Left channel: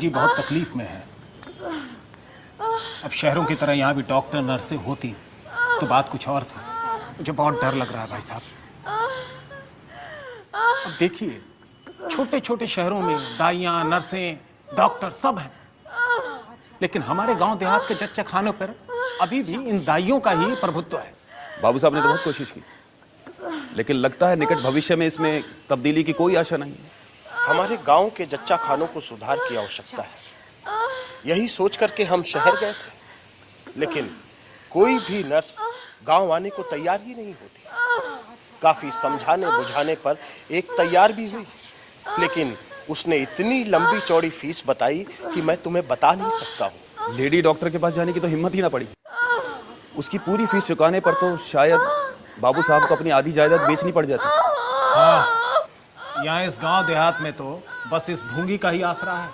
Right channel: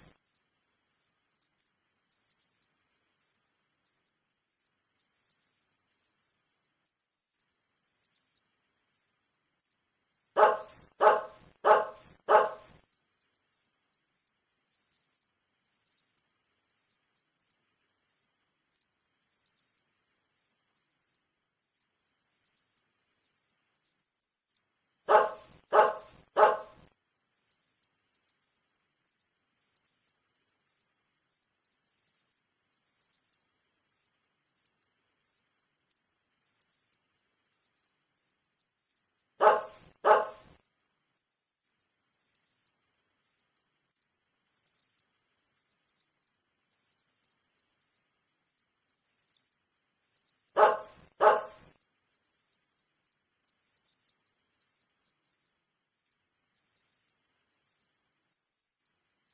बाबूजी बहुत तकलीफ में है। अब शहरों की तरह यहाँ भी डॉक्टर नर्सें होती तो बात कुछ और थी। मुझे बहुत डर लग रहा है भाई साहब। अब देखिए, छोटे छोटे शहरों में दाइयाँ, नर्सें, डॉक्टर सब हैं, लेकिन हमारे गांव देहात के जच्चा खानों पर अभी भी इन दाइयों का ही प्रभुत्व है। बाबू साहब ने तो बहुत कोशिश की, लेकिन लगता है निकट भविष्य में इसमें तब्दीली की कोई आशा नहीं है। हमारे गांव के जच्चा खानों को सुधार की आवश्यकता है, यही सोच करके हम शहर गए थे, लेकिन कोई भी नर्स गांव आने को तैयार ही नहीं होती। काफी समझाने बुझाने पर एक तैयार भी हुई, लेकिन उसने इतनी लंबी चौड़ी फीस बताई कि मैं तुम्हें बता नहीं सकता हूँ। लेडी डॉक्टर के पास जाने की तो हिम्मत ही ना पड़ी। उसकी पूरी फीस चुकाने पर तो शायद बाबू साहब को अपनी आधी जायदाद बेचनी पड़ जाती। हाँ, यहाँ इस गांव देहात में तो बस इस भूंगी का ही आसरा है।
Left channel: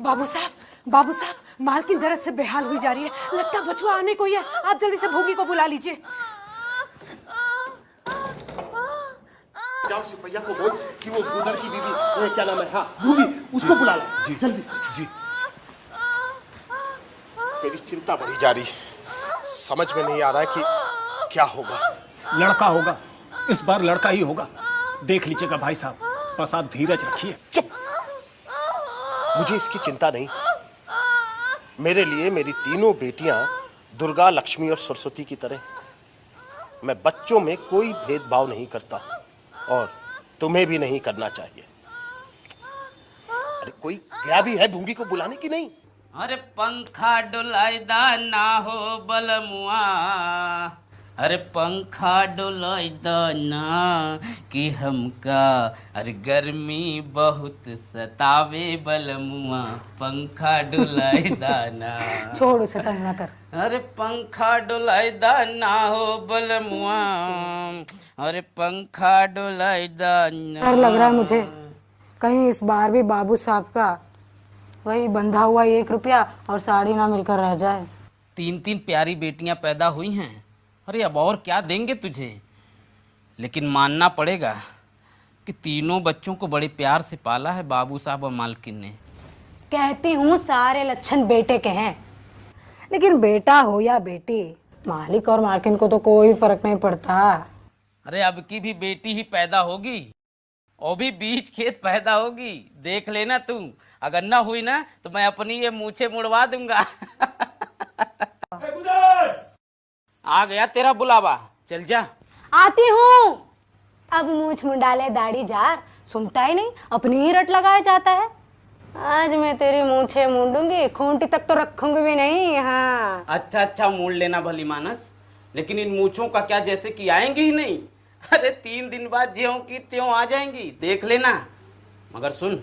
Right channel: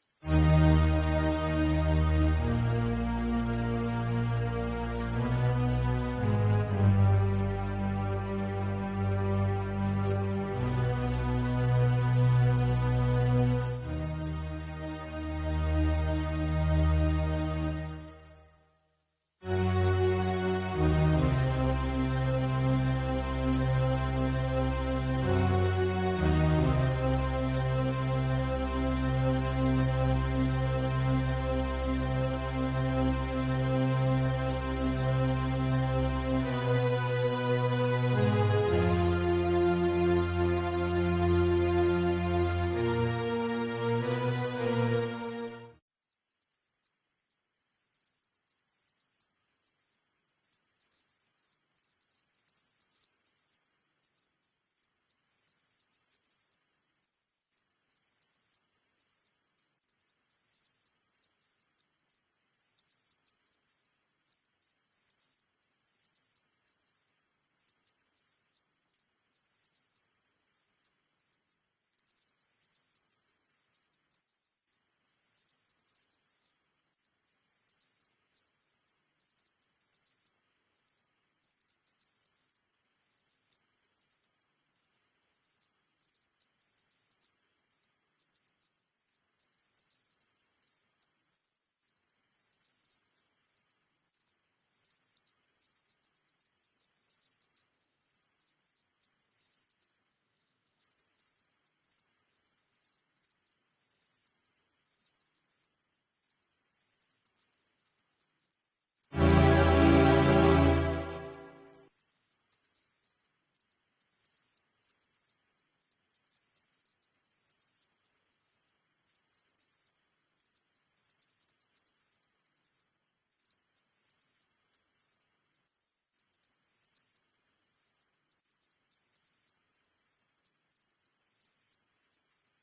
बाबू साहब, माल की दर्द से बेहाल हुई जा रही है। लगता बचवा आने को ही है। आप जल्दी से भूंगी को बुला लीजिए। जाओ सिपहिया को बोल कि वो गुदर की बीवी, क्या नाम है, हाँ रूबी, उसको बुला ला। जी जल्दी से। जी मेरी चिंता बढ़ी जा रही है, समझ में नहीं आ रहा है कि क्या होगा। लड़का होगा, इस बार लड़का ही होगा। देख लीजिएगा भाई साहब, बस आप धीरज रखिए। चुप, मुझे इसकी चिंता नहीं। मेरे लिए मेरी तीनों बेटियां दुर्गा, लक्ष्मी और सरस्वती की तरह। मैं बच्चों में कोई भेदभाव नहीं करता और तुम्हें भी नहीं करना चाहिए। अरे कोई गया भी है भूंगी को बुलाने की नहीं? अरे पंखा डुलाइदा ना हो बलमुआ, अरे पंखा डुलाइदा ना कि हमका, अरे गर्मी बहुत सतावे बलमुआ, पंखा डुलाइदा ना। छोड़ उसे, तंग ना कर। अरे पंखा डुलाइदा ना हो बलमुआ, अरे पंखा डुलाइदा ना। डर लग रहा है मुझे, कहीं इस बार भी बाबू साहब का वही बंधा हुआ 1 रुपया और साड़ी ना मिलकर रह जाए। 3 प्यारी बेटियां पैदा हुई हैं। अरे अब और क्या देंगे तुझे, लेकिन मानना पड़ेगा कि तीनों बच्चों को बड़े प्यार से पाला है बाबू साहब और मालकिन ने। कहती हूँ सारे लक्षण बेटे के हैं, लेकिन बेटा हो या बेटी, मालिक और मालकिन को तो कोई फर्क नहीं पड़ता। अरे अब की भी बेटी ही पैदा होगी और भी बीच खेत पैदा होगी, देख लेना तू। अगर ना हुई ना तो मैं अपनी ये मूछें मुड़वा दूंगा। आ गया तेरा बुलावा, चल जा। आती हूँ। अब मूछ मुंडाले दाढ़ी जार, सुनता ही नहीं, अपनी ही रट लगाया जाता है। आज मैं तेरी मूछें मूंडूंगी, खूंटी तक तो रखूंगी भी नहीं। हाँ अच्छा मूड लेना भली मानस, लेकिन इन मूछों का क्या, जैसे कि आएंगी ही नहीं। अरे 3 दिन बाद ज्यों की त्यों आ जाएंगी, देख लेना। मगर सुन,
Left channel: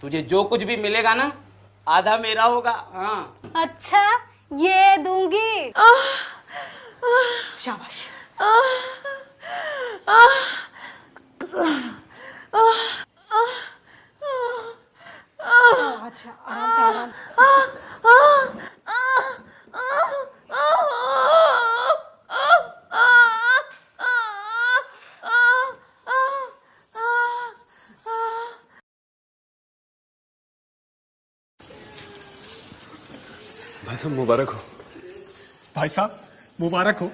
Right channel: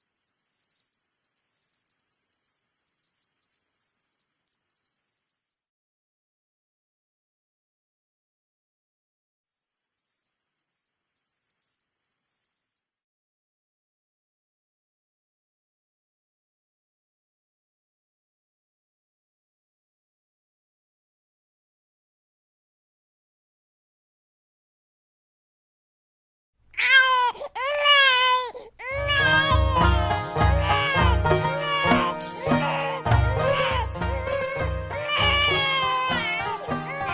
तुझे जो कुछ भी मिलेगा ना, आधा मेरा होगा। हाँ अच्छा, ये दूंगी। शाबाश। अच्छा, आराम से, आराम। मुबारक हो भाई साहब, मुबारक हो।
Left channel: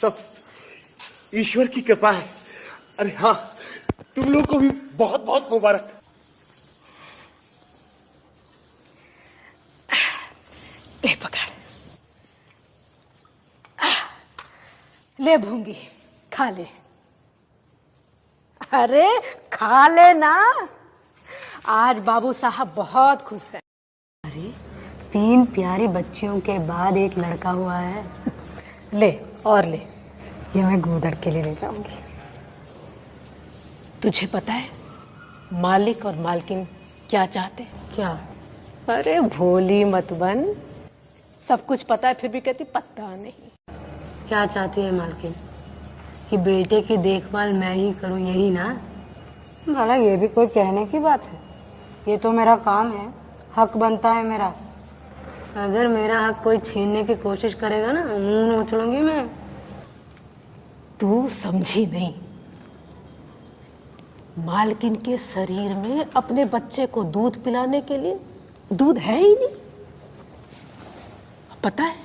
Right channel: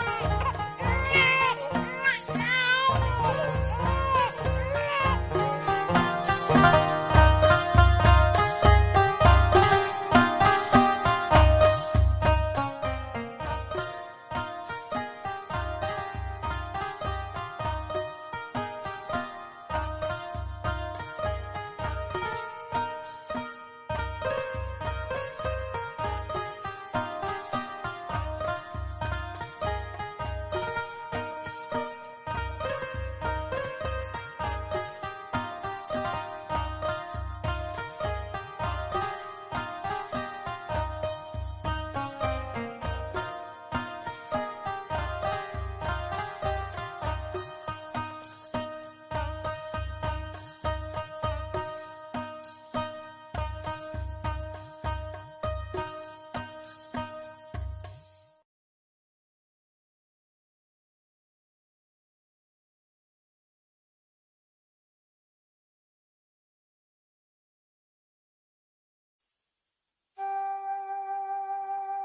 सब ईश्वर की कृपा है। अरे हाँ, तुम लोगों को भी बहुत बहुत मुबारक। ले पकड़, ले भूंगी, खा ले। अरे खा ले ना, आज बाबू साहब बहुत खुश है। 3 प्यारी बच्चियों के बाद एक लड़का हुआ है। ले और ले, ये मैं गूदड़ के लिए ले जाऊंगी। तुझे पता है मालिक और मालकिन क्या चाहते हैं? क्या? अरे भोली मत बन, सब कुछ पता है फिर भी कहती पता नहीं। क्या चाहती है मालकिन? कि बेटे की देखभाल मैं ही करूं, यही ना? भला ये भी कोई कहने की बात है? ये तो मेरा काम है, हक बनता है मेरा। अगर मेरा हक कोई छीनने की कोशिश करेगा ना, मुंह नोच लूंगी मैं। तू समझी नहीं। मालकिन के शरीर में अपने बच्चे को दूध पिलाने के लिए दूध है ही नहीं। पता है,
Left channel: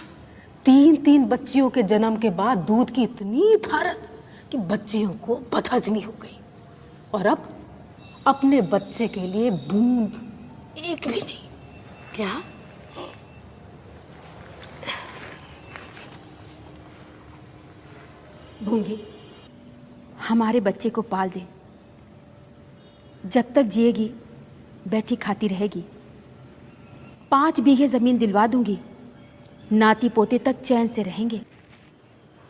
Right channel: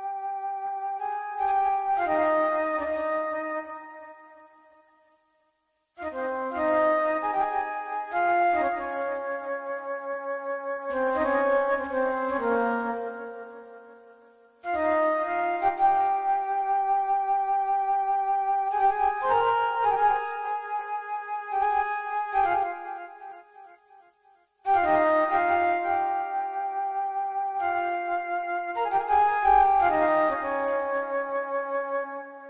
3 बच्चियों के जन्म के बाद दूध की इतनी भारत कि बच्चियों को बदहजमी हो गई, और अब अपने बच्चे के लिए बूंद एक भी नहीं। क्या? भूंगी, हमारे बच्चे को पाल दे। जब तक जिएगी बैठी खाती रहेगी। 5 बीघे जमीन दिलवा दूंगी, नाती पोते तक चैन से रहेंगे।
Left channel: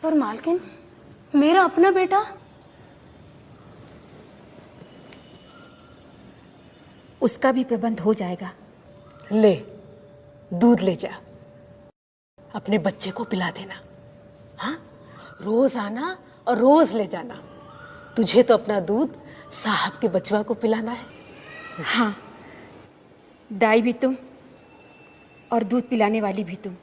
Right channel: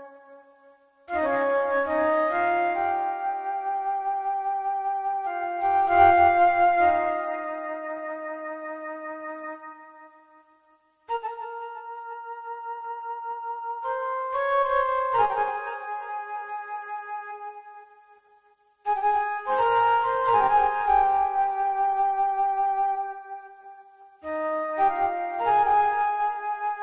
पर मालकिन, मेरा अपना बेटा? उसका भी प्रबंध हो जाएगा। ले, दूध ले जा, अपने बच्चे को पिला देना। हाँ, रोज आना और रोज ले जाना। तुझे तो अपना दूध साहब के बचवा को पिलाना है। हाँ, दाई भी तुम और दूध पिलाने वाली भी तुम।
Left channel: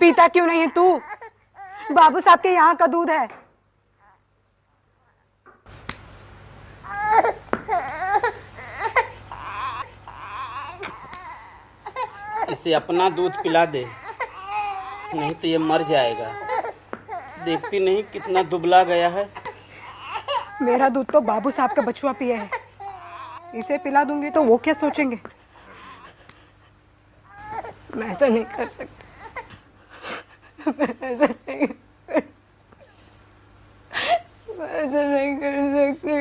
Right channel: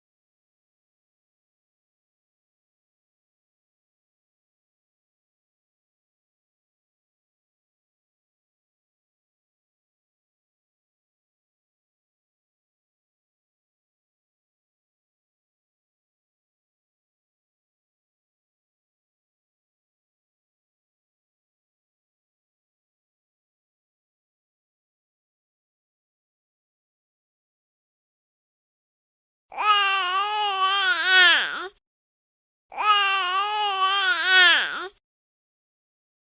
पीता क्यों नहीं है तू? बाबू साहब के यहाँ का दूध है। इसे अपना दूध पिला दे, नहीं तो ये मर जाएगा। देखती नहीं कितना दुबला गया है। मेरा दूध तो बाबू साहब का बछुआ पिया है। इसे पिला दूंगी तो वो क्या सोचेंगे? मैं ऐसा नहीं कर सकती। ऐसा नहीं कर सकती।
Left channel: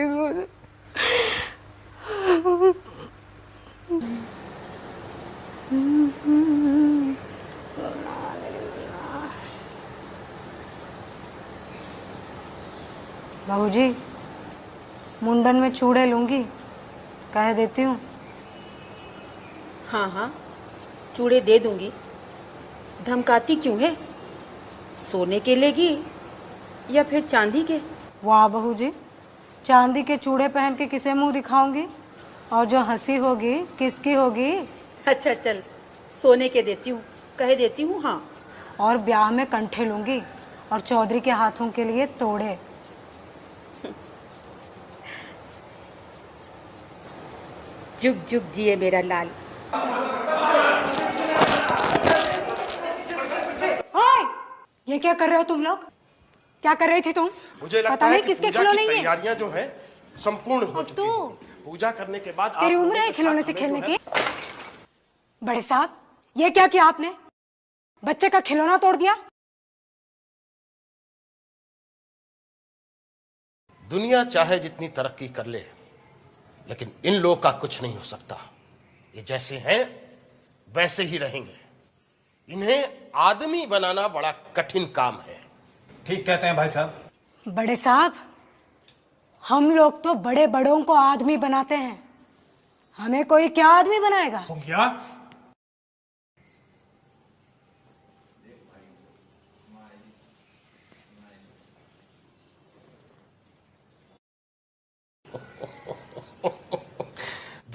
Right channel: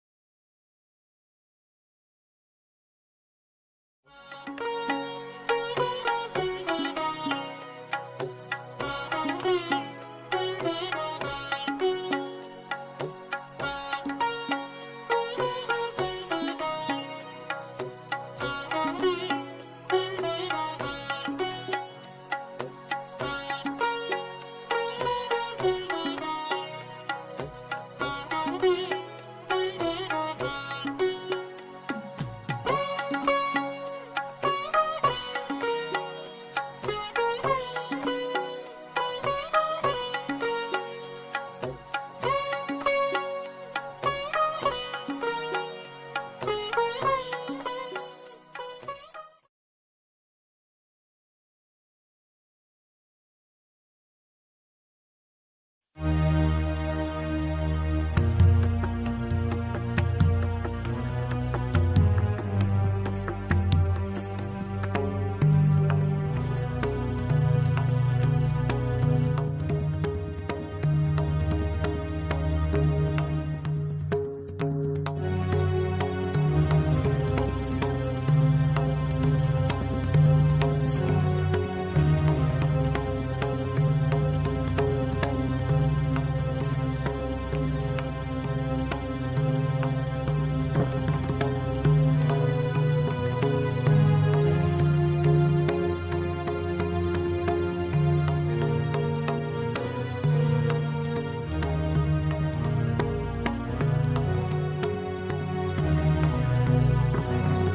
बाबूजी, मुंडन में चूड़े लूंगी, कह देती हूँ। हाँ हाँ, चूड़े दे दूंगी। धमकाती क्यों है? सोने के लेगी या फिर चांदी के? वाह बहू जी, चांदी के चूड़े पहन के किसे मुंह दिखाऊंगी? और जो हंसी होगी किसकी होगी? अच्छा चल, सोने के देती हूँ, कह देती हूँ। हाँ, और ब्याह में कंठे लूंगी और चौधरी के हाथों के लिए तोड़े। जुग जुग जिए मेरा लाल। ओए, ये क्या कर रहे हो तुम लोग? क्या कर रही थी तुम? मुझे लगता पता है नहीं कि किसके पूजा खिलौने की ये? तैयारियां जो हैं संपूर्ण हो और चुकी तू, हैं। पूजा करने के बाद तेरी आप उम्र है खिलौने से खेलने की? बड़े साहब, ये क्या किया आपने? बच्चे का खिलौना तोड़ दिया। दुनिया चाहे जितनी तरक्की कर ले, लेकिन इन लोग का कुछ नहीं हो सकता। ये जैसे हैं वैसे ही रहेंगे। इन्हें आदमी बनाना बड़ा कठिन काम है। ठीक कहते हैं भाई साहब। बड़े साहब, हम लोग तो बड़े बड़ों को आदमी बनाते हैं, हमें कोई क्या आदमी बनाएगा? क्या?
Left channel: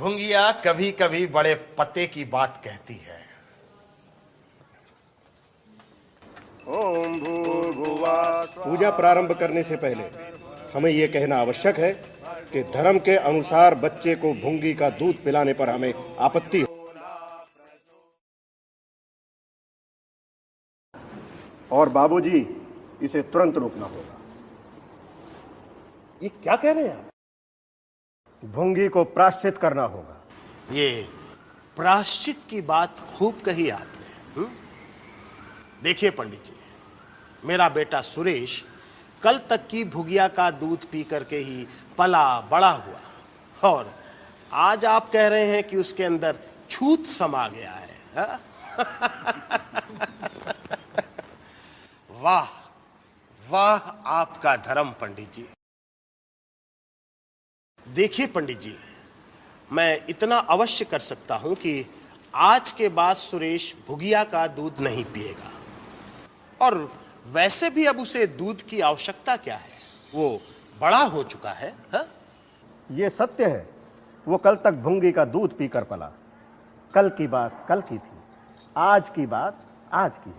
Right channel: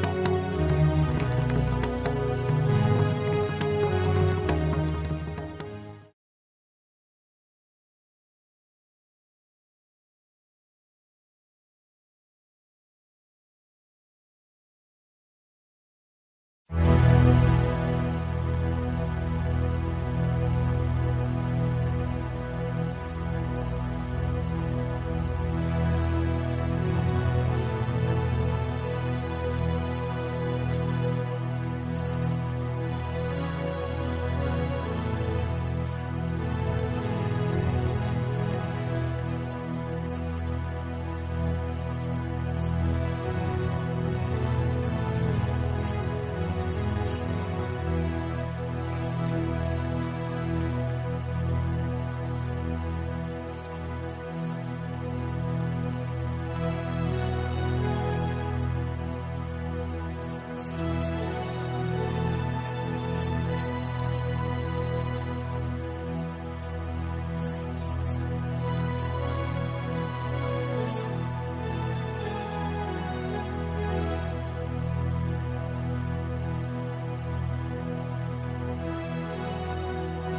भुंगिया कभी कभी बड़े पते की बात कहती है। पूजा प्रारंभ करने से पहले हमें यह कहना आवश्यक है कि धर्म के अनुसार बच्चे को भुंगी का दूध पिलाने पर हमें आपत्ति है और बाबूजी इसे तुरंत रोकना होगा। ये क्या कह रहे हैं? भुंगी को प्रायश्चित करना होगा। ये प्रायश्चित की बात खूब कही आपने। देखिए पंडित जी, मेरा बेटा सुरेश कल तक की भुगिया का दूध पी करके ही पला बड़ा हुआ, और आज आप कह रहे हैं कि उसके अंदर छूत समा गया है, हा? वाह वाह आपका धर्म पंडित जी। देखिए पंडित जी, मैं इतना अवश्य कर सकता हूं कि आज के बाद सुरेश भुगिया का दूध नहीं पिएगा, और वैसे भी अब उसे दूध की आवश्यकता क्या है, वो बड़ा हो चुका है, हा? ये सत्य है, वो कल तक भुंगी का दूध पीकर पला। कल की बात कल की, आज की बात आज की।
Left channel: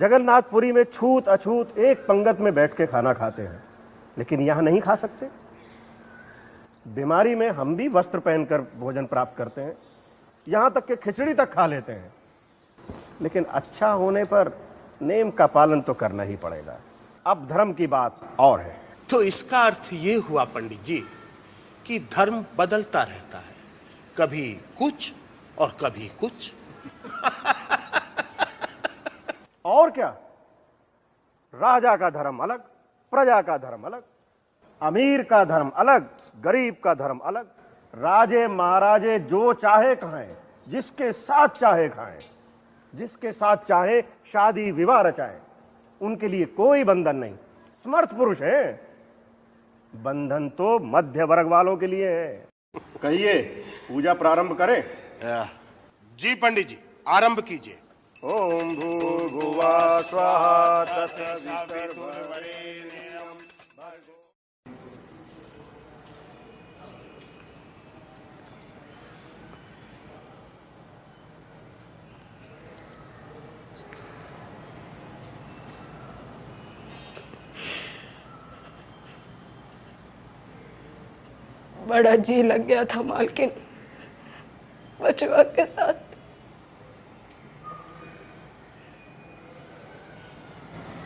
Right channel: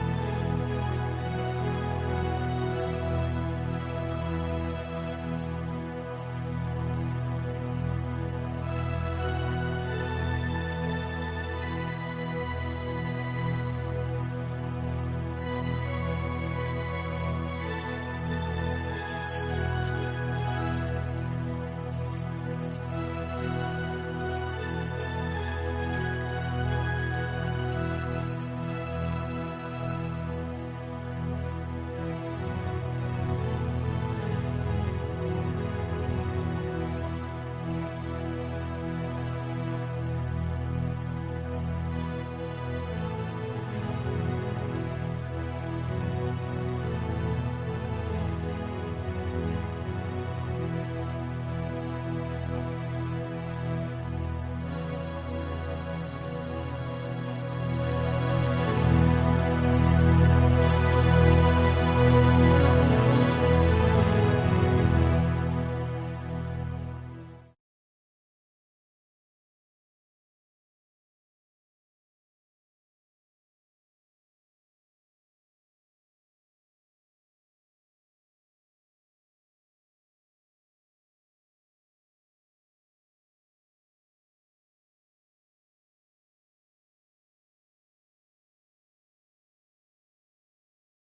जगन्नाथपुरी में छूत अछूत एक पंगत में बैठ के खाना खाते हैं, लेकिन यहां नहीं खा सकते। बीमारी में हम भी वस्त्र पहनकर भोजन प्राप्त करते हैं, यहां तक कि खिचड़ी तक खा लेते हैं, लेकिन अच्छा होने पर नेम का पालन तो करना ही पड़ेगा। अब धर्म की बात और है। तो इसका अर्थ ये हुआ पंडित जी कि धर्म बदलता रहता है, कभी कुछ और कभी कुछ। और क्या, राजा का धर्म अलग, प्रजा का धर्म अलग, अमीर का धर्म अलग, गरीब का धर्म अलग। राजे महाराजे जो चाहे खाएं, जिसके साथ चाहे खाएं, जिसके साथ चाहे शादी विवाह रचाएं, उनके लिए कोई बंधन नहीं। समर्थ पुरुष है, बंधन तो मध्य वर्ग वालों के लिए है। कहिए, पूजा प्रारंभ करें? जी पंडित जी, आरंभ कीजिए। ओम भूर्भुवः स्वाहा। बड़ा जी लग गया था मालकिन बचवा के साथ।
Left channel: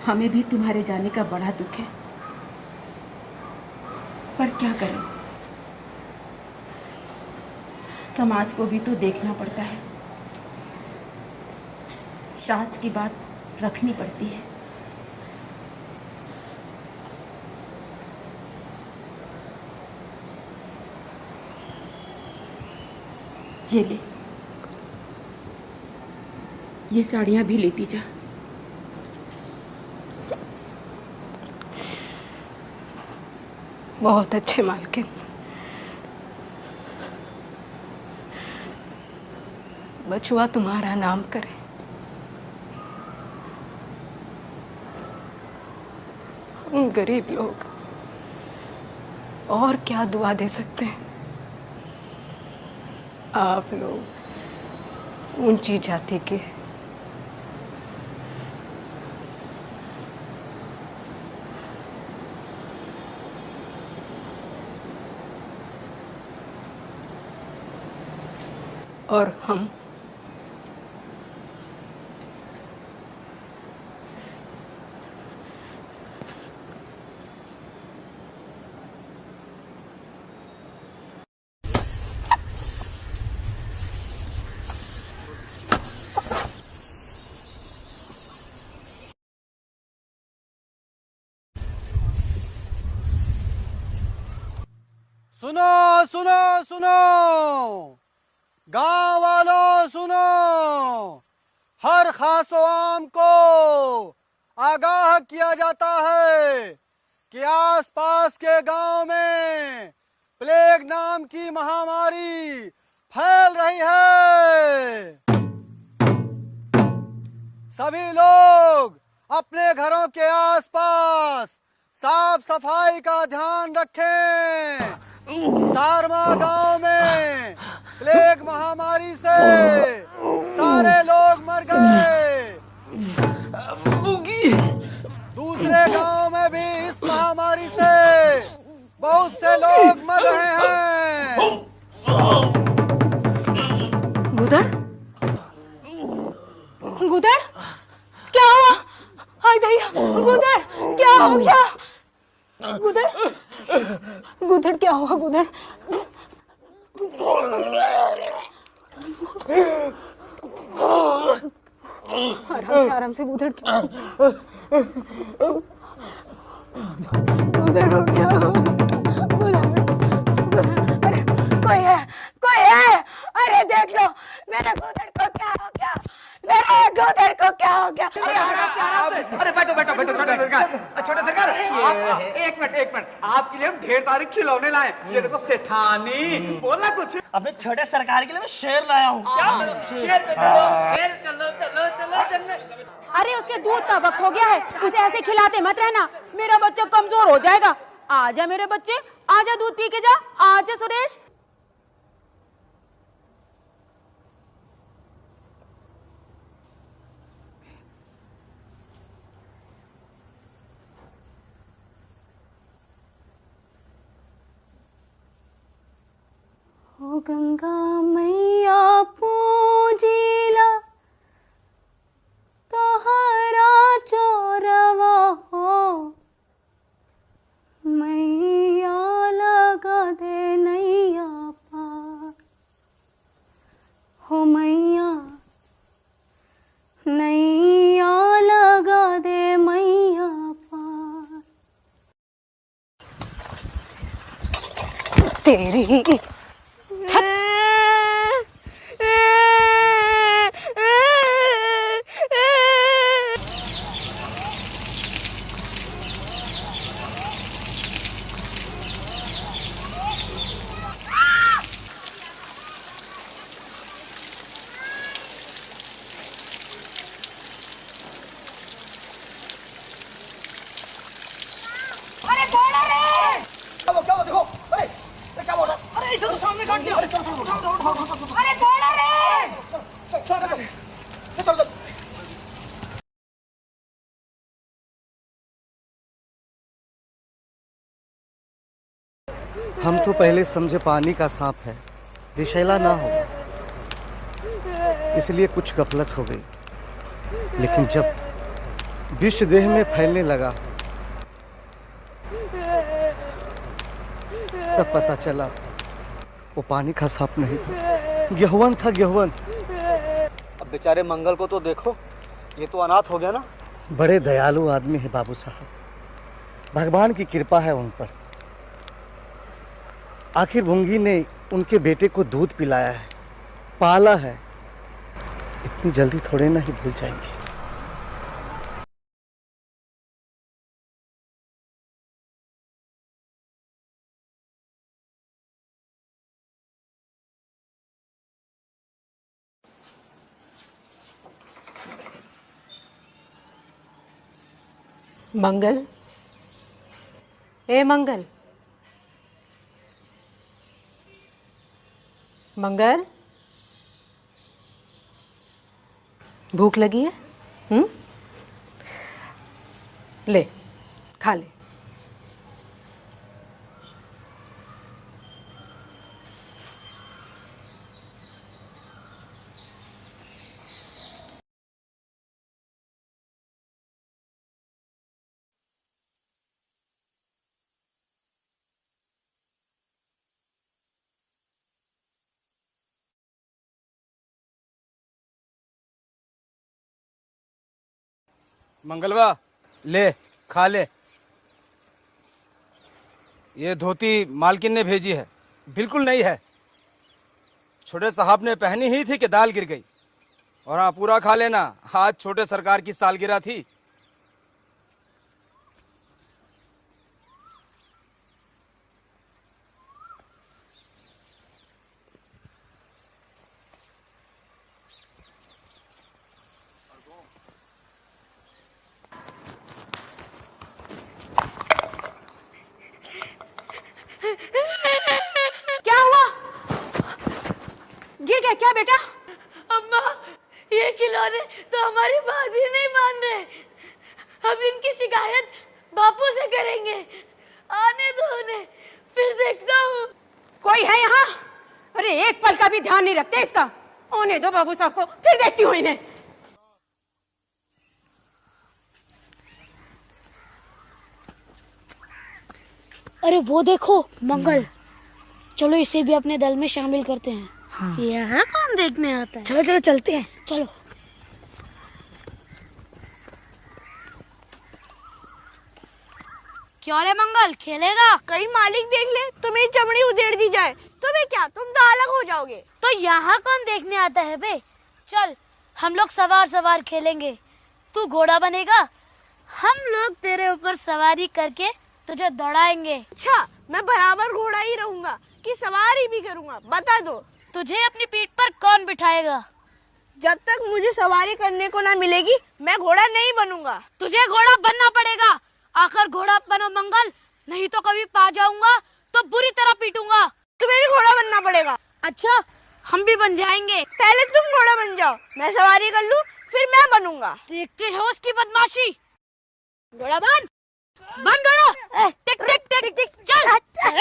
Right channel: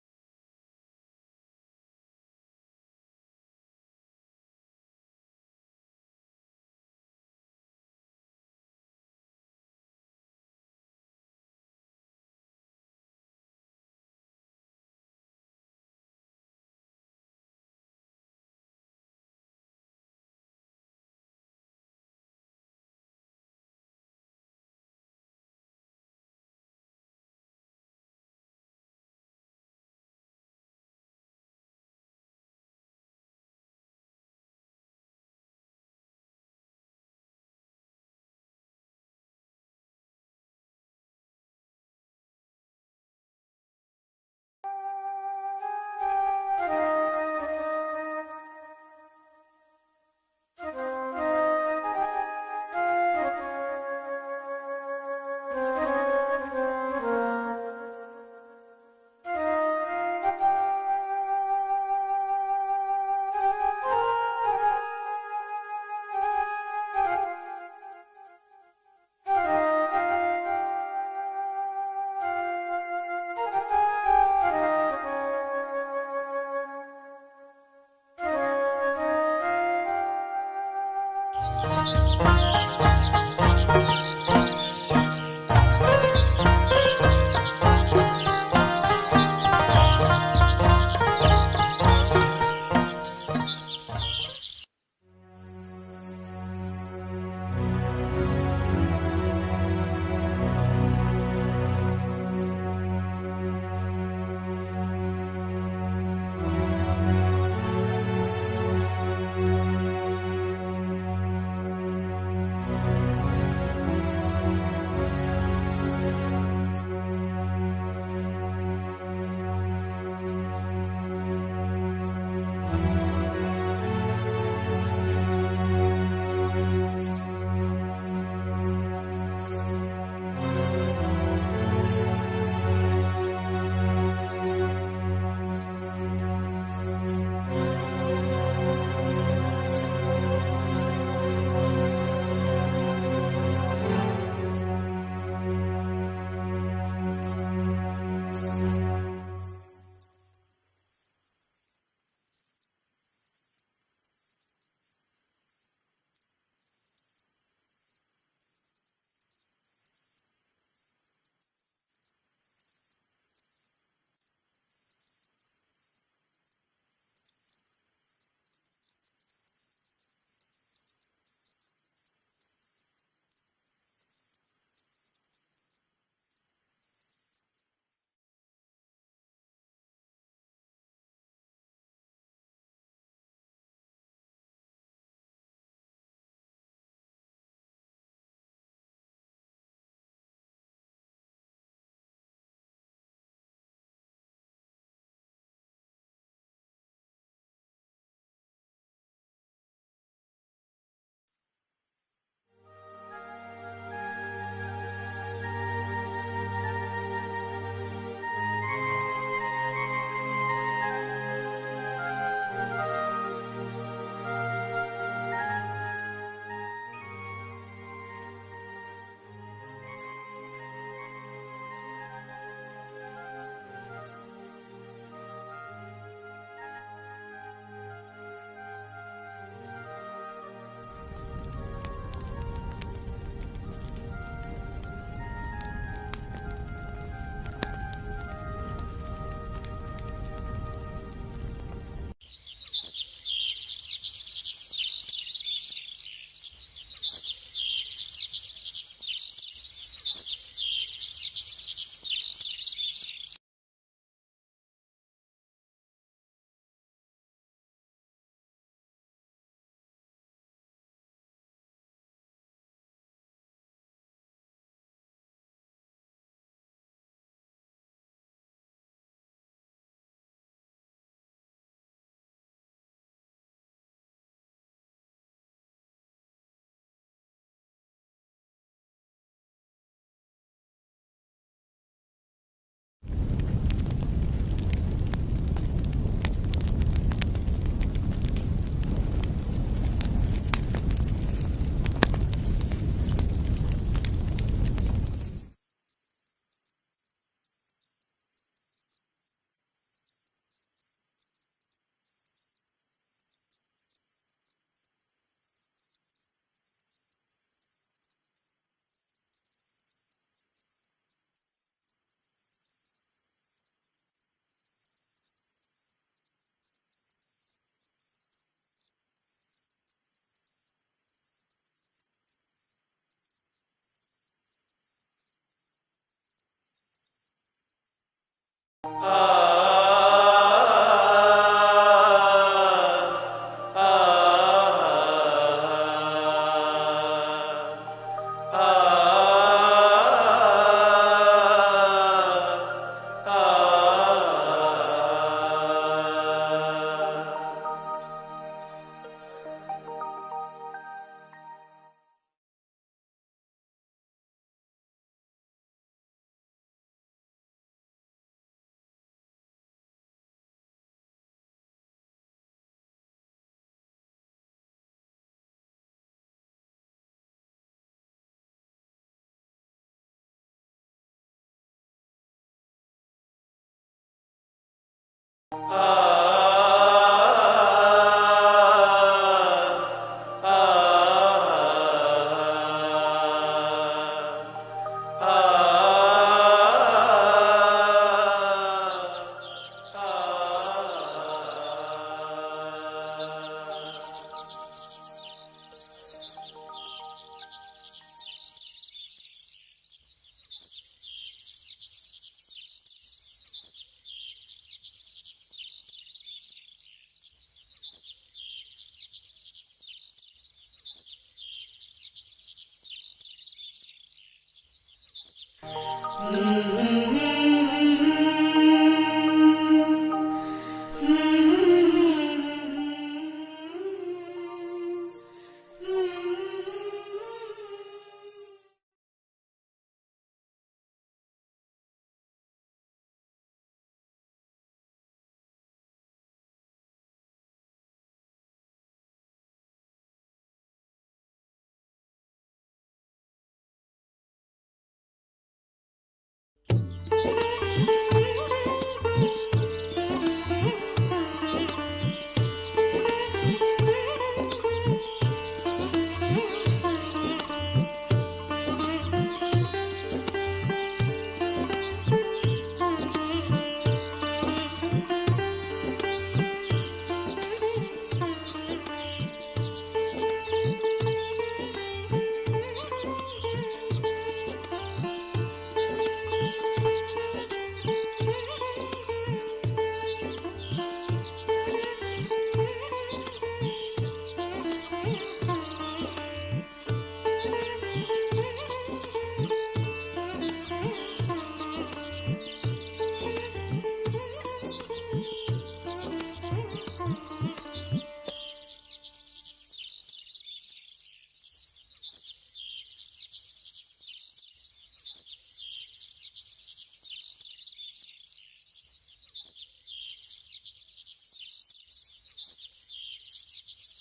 हमें भी तुम्हारे जाने का बड़ा दुख है, पर क्या करें, समाज को भी तो देखना पड़ता है, शास्त्र की बात रखनी पड़ती है। ये ले, ये साड़ियाँ भी लेती जा। बहुत अच्छे मालकिन। बचुआ तुम्हारा नाम करे। गरीब लोग और क्या दुआ दे सकते हैं। आप लोग ऊंची जाति के, और हम सुनो सुनो सुनो, गांव वालों सुनो, हर खास आम को आगाह किया जाता है कि आसपास के गांव में प्लेग नाम की महामारी फैल रही है। सभी लोग अपने घरों के आसपास साफ सफाई का ध्यान रखें। सारमा गांव में प्लेग महामारी से सारे लोग मर गए। दूसरे गांव में भी इस महामारी से बहुत से लोग मर रहे हैं। गुदड़, गुदड़, क्या हुआ? हाय दया, गुदड़, क्या हो गया? गुदड़, गुदड़, क्या हुआ गुदड़? आराम से गुदड़ गुदड़ उठ जाओ। अरे कोई है अरे देख लो मेरे गुदड़ को क्या हो गया, मेरे गुदड़ को क्या हो गया। अरे बैठो बैठो बैठो छोटे सरकार आप एक मिनट आपके लिए हम ढेर सारे खिलौने लाए। ये देखो सेठानी बोला कुछ। अबे छोटे सरकार के लिए मैं शेर लाया हूँ। क्या शेर पे चलो चलो चलो चलो। अरे उसके दूध का वक्त हो गया है, उसे ऐसे खिलाते मत रहना, मेरा बच्चा कमजोर हो जाएगा। आजा मेरे बच्चे, आजा दूध पी के जा, आजा सुरेश। गंगा मैया पूजिला तोहरा चोरवा हो, मैया लगा दे नैया पार हो, मैया नैया लगा दे मैया पार। तेरी हम तो पहले समझे पानी का सांप है, विषैला ना हो, इसलिए कुछ गफलत हो गई। लेकिन जब विष देह में फैलने लगा तब पता चला वो पानी का सांप नहीं था, गेहूं था गेहूं। अब बेचारे मंगल को तो देखो, ये तो अनाथ हो गया ना। बड़े दयालु आदमी है बाबू साहब, भगवान की कृपा है उन पर। आखिर भुंगी ने उनके बेटे को दूध पिलाया है, पाला है, इतनी जल्दी थोड़े ना ही भूल जाएंगे। मंगल, ए मंगल, मंगल, भूख लगी है? ले खा ले। ले खा ले। ये धोती मालकिन ने भेजी है, बिल्कुल नहीं है। छोटे साहब ने पहनी ही थी कि दाल गिर गई। और हाँ, पूरा खा लेना, आज छोटे सरकार की सालगिरह थी। क्या बेटा? अम्मा, ये खिलौने तो हमारी बात ही नहीं मान रहे। हम इनकी शिकायत बापू से करेंगे। आने दो उन्हें, फिर देखता हूँ। कोई है यहाँ? अरे एक पल का भी ध्यान नहीं रखते इसका। आने दो बाबू साहब को, फिर देखती हूँ इन्हें। अरे वो देखो मंगल, चलो इसे भी अपने दल में शामिल करते हैं। यहाँ कौन देखने आता है? चलो चलो चलते हैं, चलो। मंगल खेलेगा। कहीं मालिक देख ले तो मेरी चमड़ी उधेड़ दी जाए तो मैं क्या, तुम तो अलग हो जाओगे। तो यहाँ कौन देखने आता है बे? चल हम लोग सवार खेलेंगे, तू घोड़ा बनेगा, हम लोग तेरे ऊपर सवारी करके तुझे दौड़ाएंगे। अच्छा, मैं बराबर घोड़ा ही रहूंगा कि सवारी भी करूंगा, बता दो। तुझे अपनी पीठ पर कौन बिठाएगा? जब तक मुझे सवारी करने को ना मिलेगी मैं घोड़ा नहीं बनूंगा। तुझे घोड़ा बनना पड़ेगा। आखिर घोड़ा बनो मंगल, नहीं तो कभी पा जाऊंगा तो बुरी तरह पीटूंगा। तुम्हें भी घोड़ा बनना पड़ेगा। अच्छा, हम भी बन जाएंगे। पहले तुम घोड़ा बन जाओ, मैं सवारी कर लूं, फिर मैं बनूंगा। देखते हो उसकी बदमाशी। घोड़ा बन घोड़ा, टिक टिक टिक टिक, चल चल।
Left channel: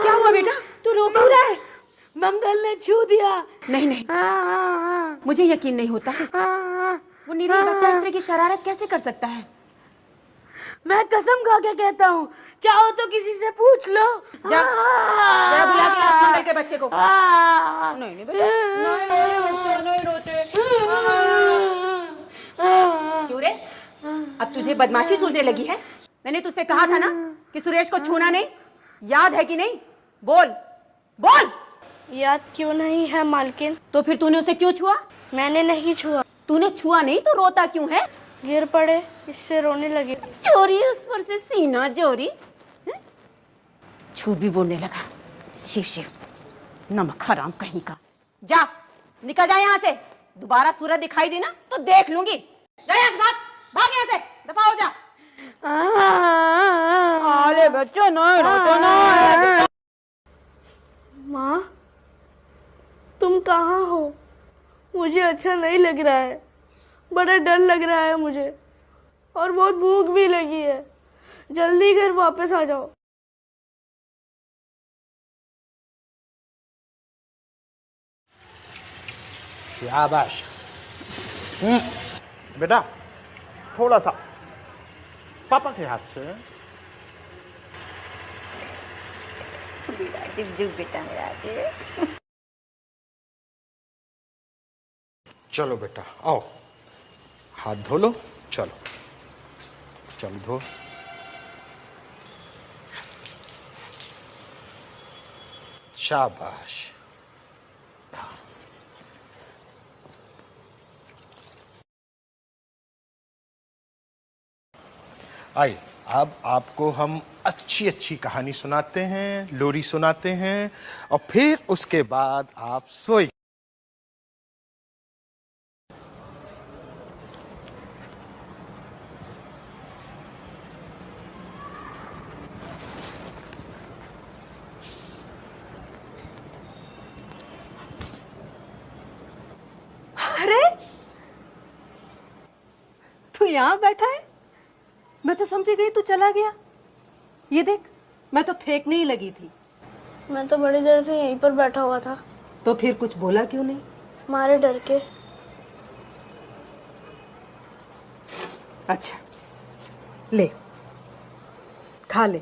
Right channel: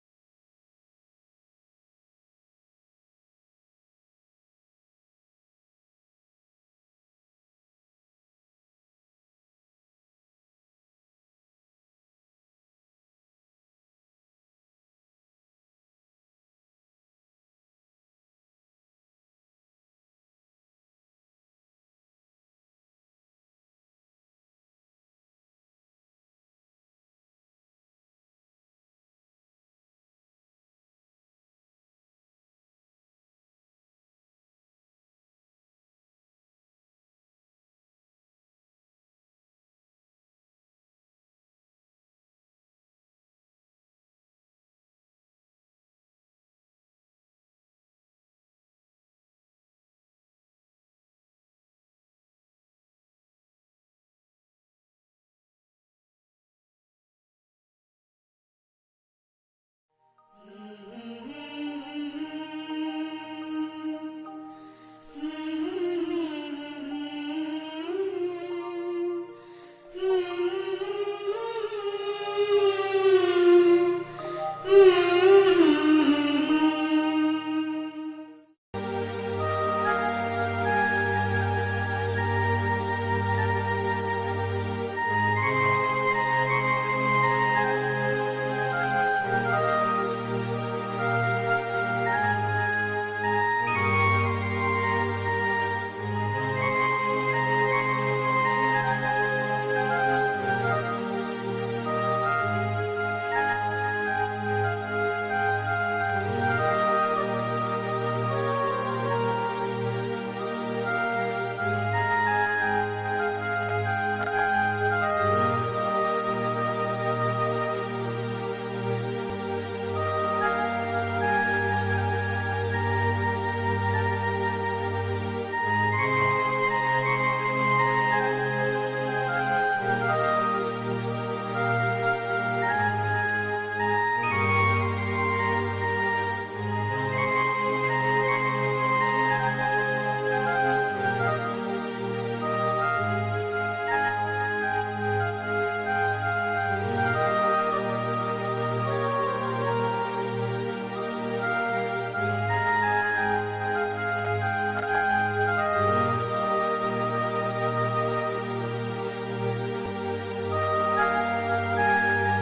क्या हुआ बेटा, तू रो क्यों रहा है? मंगल ने छू दिया। नहीं नहीं, मुझे यकीन नहीं होता। वो निरीह बच्चा इस तरह की शरारत कैसे कर सकता है? मैं कसम खा के कहता हूँ, चाहो तो किसी से पूछ लो। जा बुला के ला मंगल के बच्चे को। नहीं नहीं बेटा, नहीं रोते। क्यों रे, अब तुझे बदमाशी सूझने लगी है? मैंने तुझसे कहा था ना कि सुरेश को छूना नहीं, याद है कि नहीं? बोल बोल। याद क्यों नहीं है मालकिन? तो फिर तूने उसे क्यों छुआ? मैंने नहीं छुआ। तूने छुआ नहीं तो रोता क्यों है? गिर पड़े, इससे रोने लगे। चोरी, उस पर से सीना चोरी। झूठ भी बोलने लगा। शिव शिव, नमक हराम कहीं का। जा निकल जा यहाँ से, दोबारा सूरज दिखाई दी ना तो देख लूंगी। जा यहाँ से, भाग यहाँ से, दफा हो जा। अरे बच्चों नहीं रोते ना। माँ, तुम कहाँ हो? मुझे अच्छा नहीं लग रहा है, बड़ा डर लग रहा है मुझे, और बहुत भूख भी लगी है। जल्दी घर वापस आ जाओ। शाबाश। बेटा थोड़ा सा पापा के हाथ से। चलो बेटा आओ, हाथ धो लो। चलो चलो, शाबाश। आइए, अब आपको हम अच्छी अच्छी कहानी सुनाते हैं, लोरी सुनाते हैं, और फिर उसके बाद आप सोइए। अरे तू यहाँ बैठा है? मैं तो समझी गई तू चला गया। ये देख, मैं तो फेंकने ही लगी थी। मैं तो बड़ी देर से यहीं पर बैठा हुआ था। तो फिर कुछ बोला क्यों नहीं? तुम्हारे डर के। अच्छा ले, खा ले।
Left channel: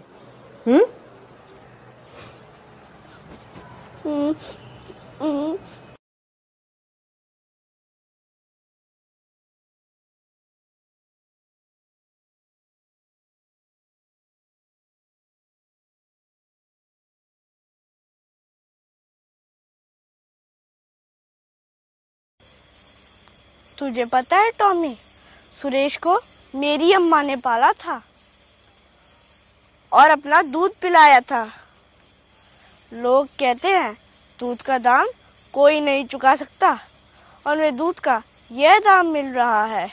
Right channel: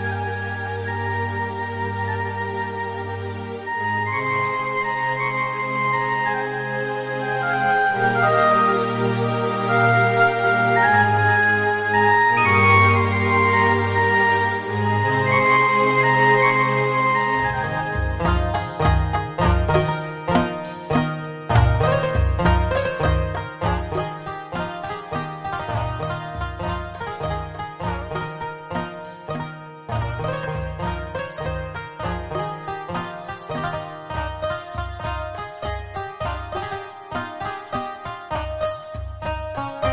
पता है टॉमी, सुरेश को मेरी अम्मा ने पाला था और अपना दूध पिलाया था। लोग कहते हैं दूध का दाम कोई नहीं चुका सकता, और वे दूध का यह दाम मिल रहा है।